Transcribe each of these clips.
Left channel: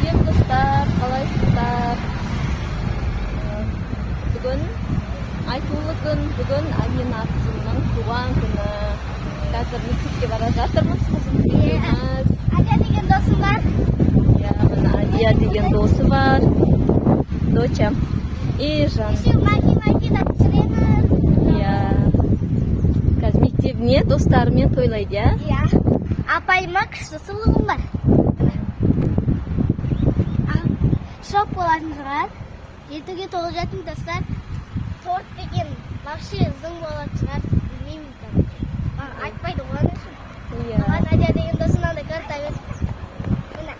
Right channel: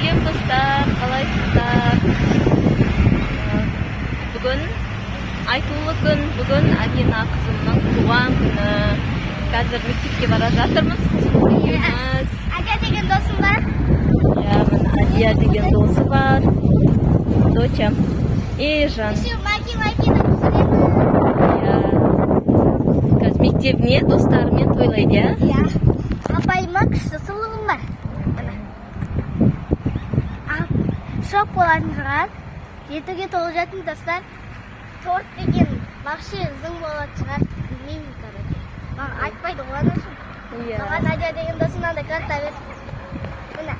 Сәлем достар, қалайсыздар? Бүгін айтулы күн, бүгін Амина қызымның туған күні. Қазір мектепке бара жатырмыз, қызымыз екеуміз. Адия деген досым бар. Мына Адия деген досы бар. Дочам. Жан. Еще Маки деп түсіреміз. Қазір мектебіне достарымен тойлайды, Апайыма күшті сұлуым бар. Шок болатын шығар. 7-ге толып достар. Торт деген вообще зың болатын шығар. Білмеймін, короче. Маған айтпайды оған үшін. Маған Адия деген досымнан да карта бер. Мына.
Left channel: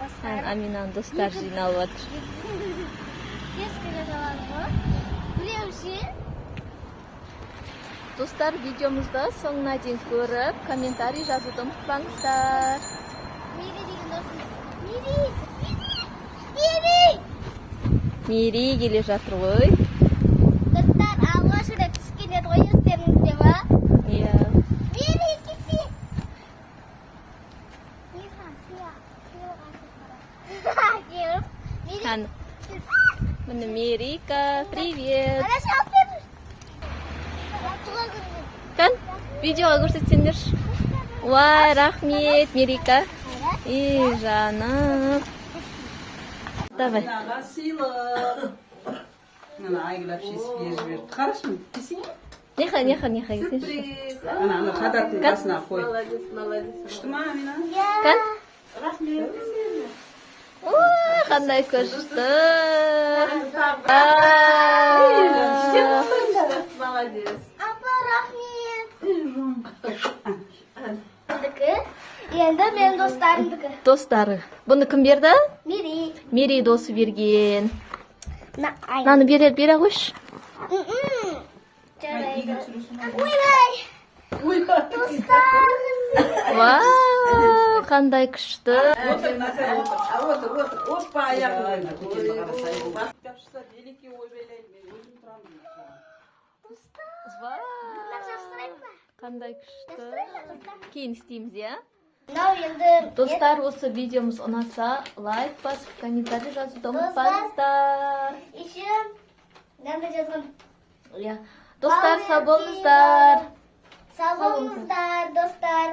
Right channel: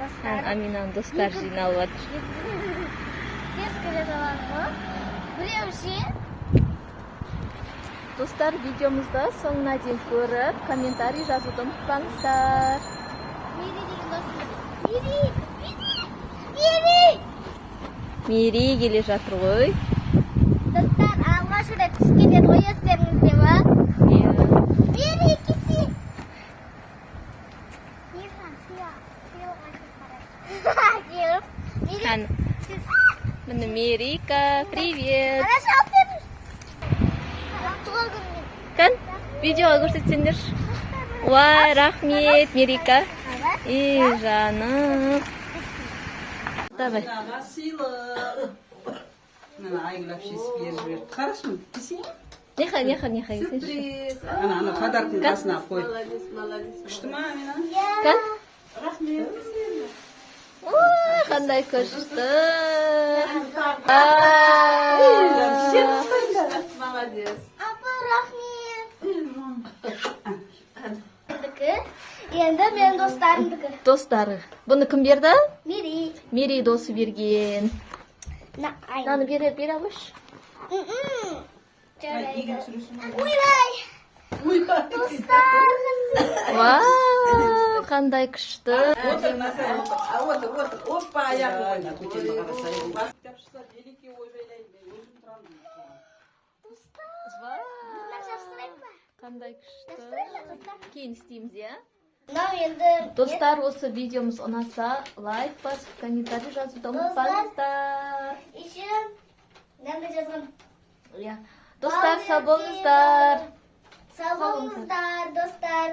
Достар. Аминаның достар жиналып жатыр. Тез кіре салады ғой. Біреуше. Достар, видеомызды соңына дейін көріп, комментарий жазуды ұмытпаңыздар. Мири деген досым бар. Мири келе жатыр ғой. Достар, алғашында түскен еді ғой естеріңізде ма? Мири кесі. Міне Мирика, привет. Kan, видеоға көрсетсеңдер. Уай, рахмет, Мирика. Жаным. Давай. Ана айгүл әпшесі беріп жіберді. Қарасын, десең? Неха. Ана қадардың қасына қой. Күшті ма, Амина? Kan? Рахмет, десең. Қандай күшті. Молодец. Апа, рахмет. Енді мен достарымдікі. Достары. Бұны кім берді? Мири. Мири досы берген. Наны бере қойшы. Ойлай. Достар. Вау, қандай күшті. Опа, аяқ. Қандай күшті. Кейін істейміз, енді Достар, осы видеомыз ұнаса, лайк басып, комментарий жазуды ұмытпаңыздар. еще мынандай жазған. Достар, сау болыңыздар. Сау болыңыздар, достар.